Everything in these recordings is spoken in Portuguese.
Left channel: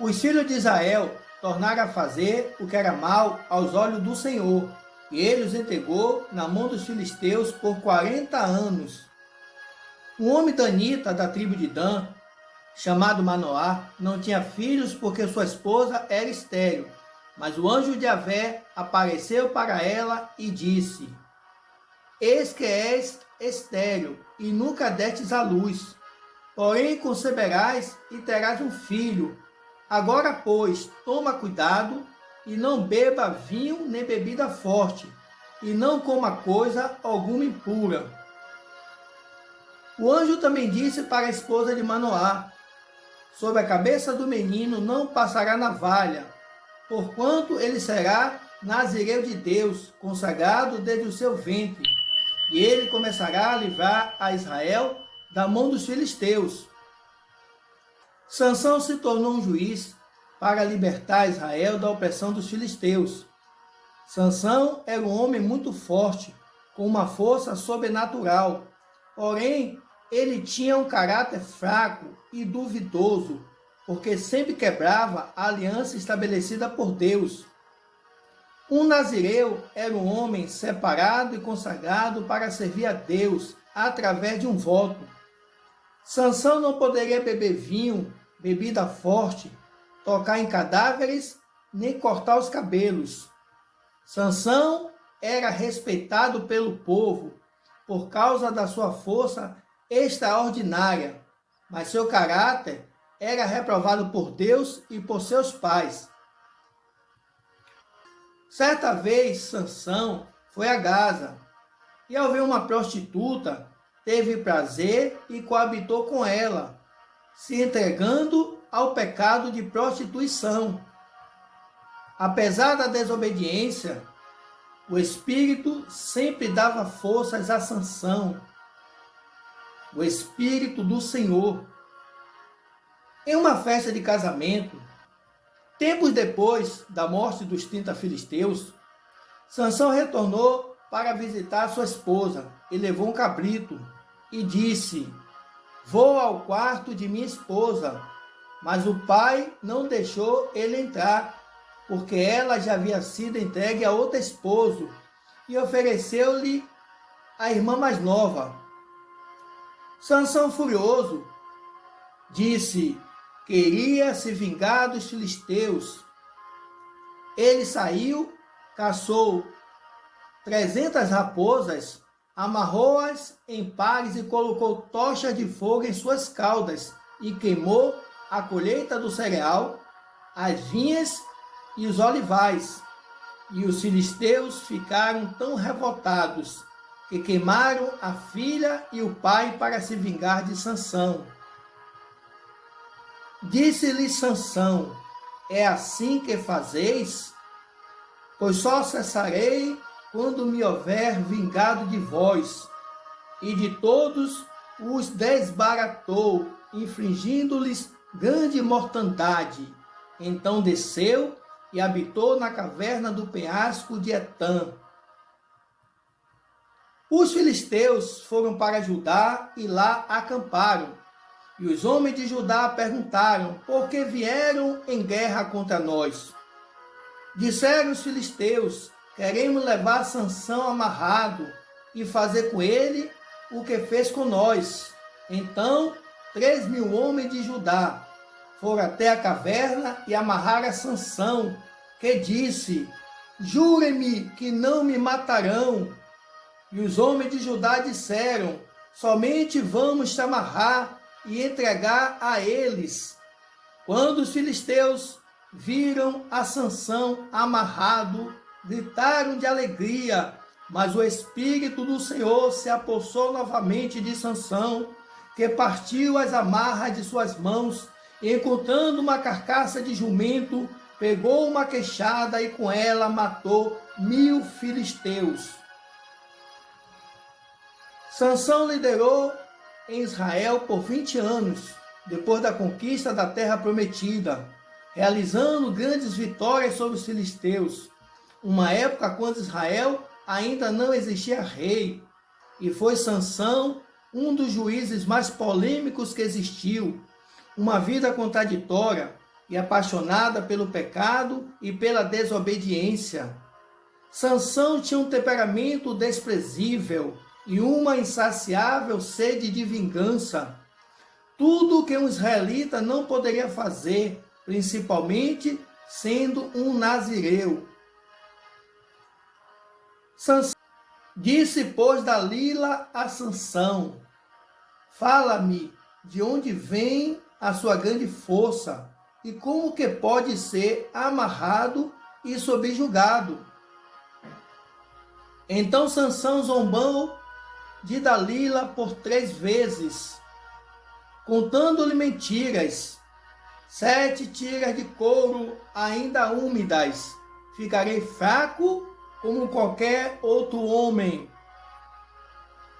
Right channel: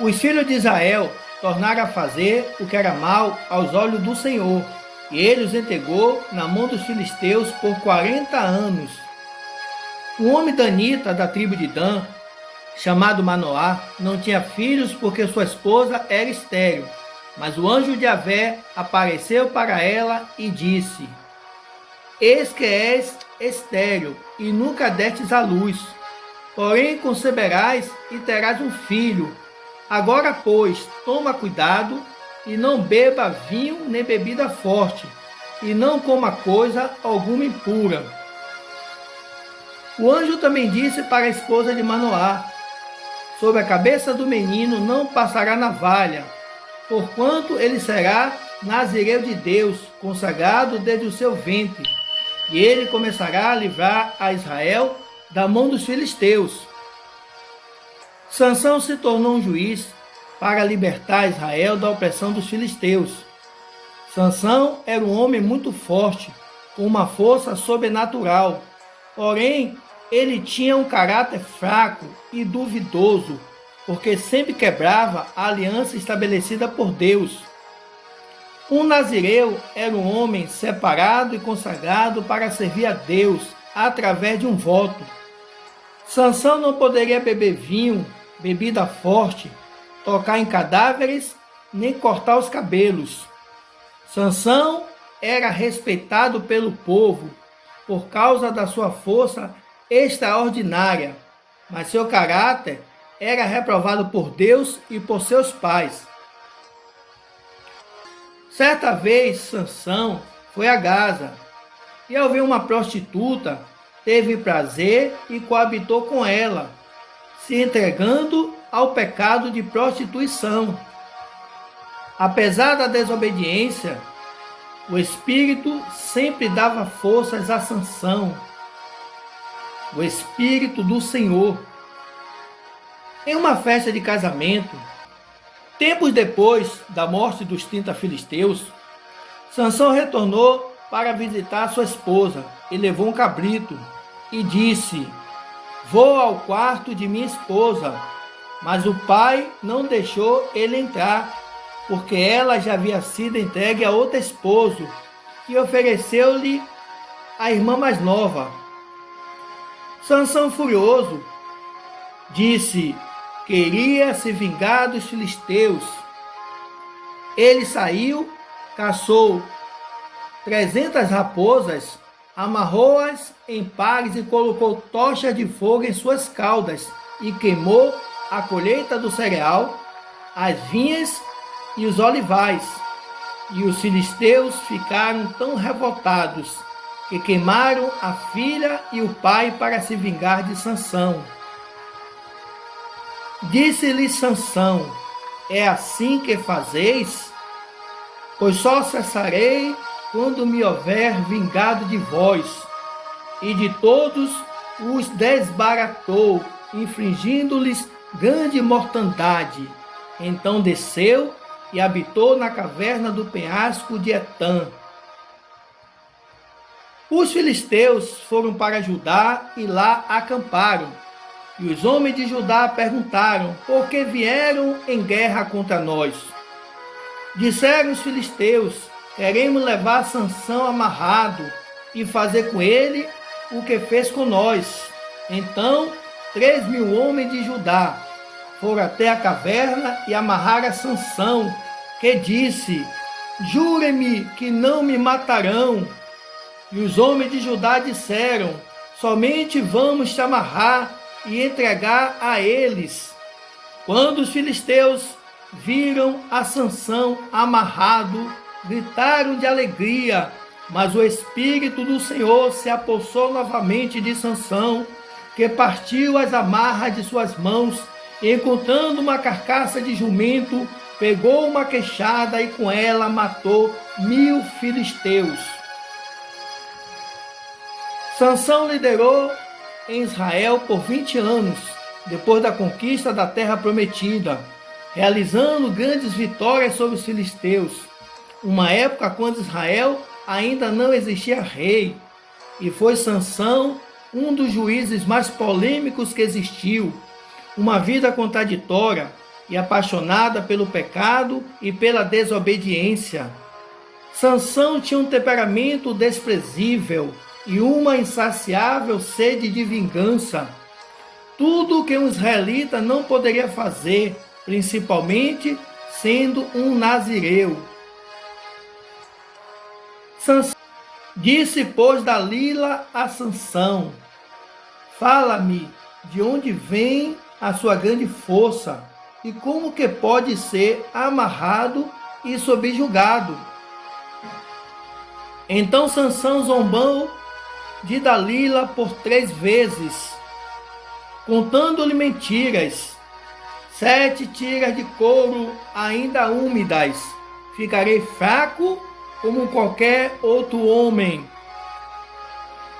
Os filhos de Israel tornaram a fazer o que era mal aos olhos do Senhor, e ele os entregou na mão dos filisteus por 40 anos. Um homem danita da tribo de Dan, chamado Manoá, não tinha filhos porque sua esposa era estéril. Mas o anjo de Yahvé apareceu para ela e disse: Eis que és estéril e nunca destes à luz, porém conceberás e terás um filho. Agora, pois, toma cuidado e não beba vinho nem bebida forte, e não coma coisa alguma impura. O anjo também disse para a esposa de Manoá: Sobre a cabeça do menino não passará navalha, porquanto ele será nazireu de Deus, consagrado desde o seu ventre, e ele começará a livrar a Israel da mão dos filisteus. Sansão se tornou um juiz para libertar Israel da opressão dos filisteus. Sansão era um homem muito forte, com uma força sobrenatural, porém ele tinha um caráter fraco e duvidoso, porque sempre quebrava a aliança estabelecida por Deus. Um nazireu era um homem separado e consagrado para servir a Deus através de um voto. Sansão não poderia beber vinho, bebida forte, tocar em cadáveres, nem cortar os cabelos. Sansão era respeitado pelo povo por causa da sua força extraordinária, mas seu caráter era reprovado por Deus e por seus pais. Certa vez, Sansão foi a Gaza e, ao ver uma prostituta, teve prazer e coabitou com ela, se entregando ao pecado de prostituição. Apesar da desobediência, o Espírito sempre dava forças a Sansão, o Espírito do Senhor. Em uma festa de casamento, tempos depois da morte dos 30 filisteus, Sansão retornou para visitar sua esposa e levou um cabrito e disse: Vou ao quarto de minha esposa. Mas o pai não deixou ele entrar, porque ela já havia sido entregue a outro esposo e ofereceu-lhe a irmã mais nova. Sansão, furioso, disse: Queria se vingar dos filisteus. Ele saiu, caçou 300 raposas, amarrou-as em pares e colocou tochas de fogo em suas caudas e queimou a colheita do cereal, as vinhas e os olivais. E os filisteus ficaram tão revoltados que queimaram a filha e o pai para se vingar de Sansão. Disse-lhe Sansão: É assim que fazeis? Pois só cessarei quando me houver vingado de vós. E de todos os desbaratou, infligindo-lhes grande mortandade. Então desceu e habitou na caverna do penhasco de Etã. Os filisteus foram para Judá e lá acamparam. E os homens de Judá perguntaram: Por que vieram em guerra contra nós? Disseram os filisteus: Queremos levar Sansão amarrado e fazer com ele o que fez com nós. Então 3.000 homens de Judá foram até a caverna e amarraram a Sansão, que disse: Jurem-me que não me matarão. E os homens de Judá disseram: Somente vamos te amarrar e entregar a eles. Quando os filisteus viram a Sansão amarrado, gritaram de alegria, mas o Espírito do Senhor se apossou novamente de Sansão, que partiu as amarras de suas mãos, e, encontrando uma carcaça de jumento, pegou uma queixada e com ela matou 1.000 filisteus. Sansão liderou em Israel por 20 anos, depois da conquista da terra prometida, realizando grandes vitórias sobre os filisteus, uma época quando Israel ainda não existia rei, e foi Sansão um dos juízes mais polêmicos que existiu, uma vida contraditória, e apaixonada pelo pecado e pela desobediência. Sansão tinha um temperamento desprezível e uma insaciável sede de vingança. Tudo o que um israelita não poderia fazer, principalmente sendo um nazireu. Sansão disse, pois, Dalila a Sansão: fala-me de onde vem a sua grande força e como que pode ser amarrado e subjugado. Então Sansão zombou de Dalila por 3 vezes, contando-lhe mentiras. 7 tiras de couro ainda úmidas. Ficarei fraco como qualquer outro homem.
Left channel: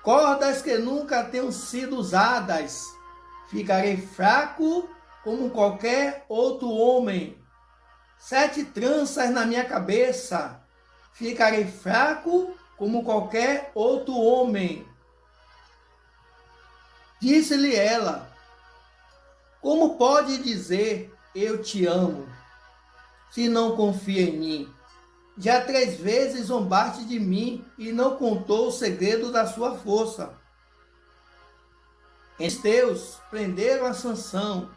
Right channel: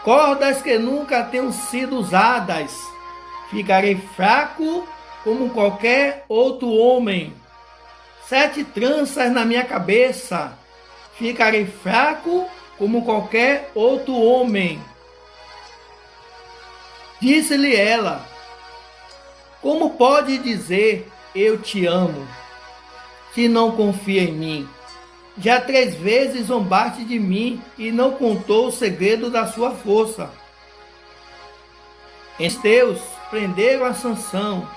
Cordas que nunca tenham sido usadas. Ficarei fraco como qualquer outro homem. 7 tranças na minha cabeça. Ficarei fraco como qualquer outro homem. Disse-lhe ela: como pode dizer eu te amo, se não confia em mim? Já 3 vezes zombaste de mim e não contou o segredo da sua força. Os teus prenderam a Sansão,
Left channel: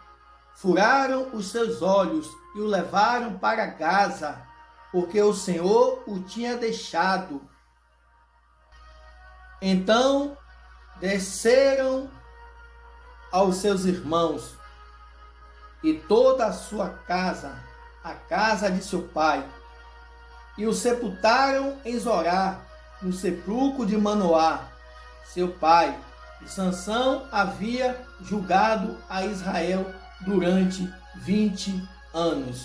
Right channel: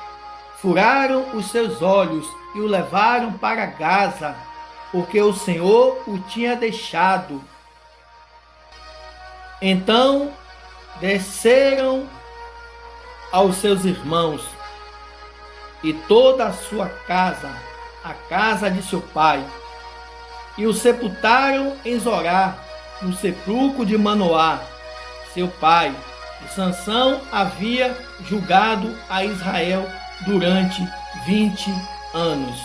furaram os seus olhos e o levaram para Gaza, porque o Senhor o tinha deixado. Então desceram aos seus irmãos e toda a sua casa, a casa de seu pai, e o sepultaram em Zorá, no sepulcro de Manoá, seu pai. E Sansão havia julgado a Israel durante 20 anos.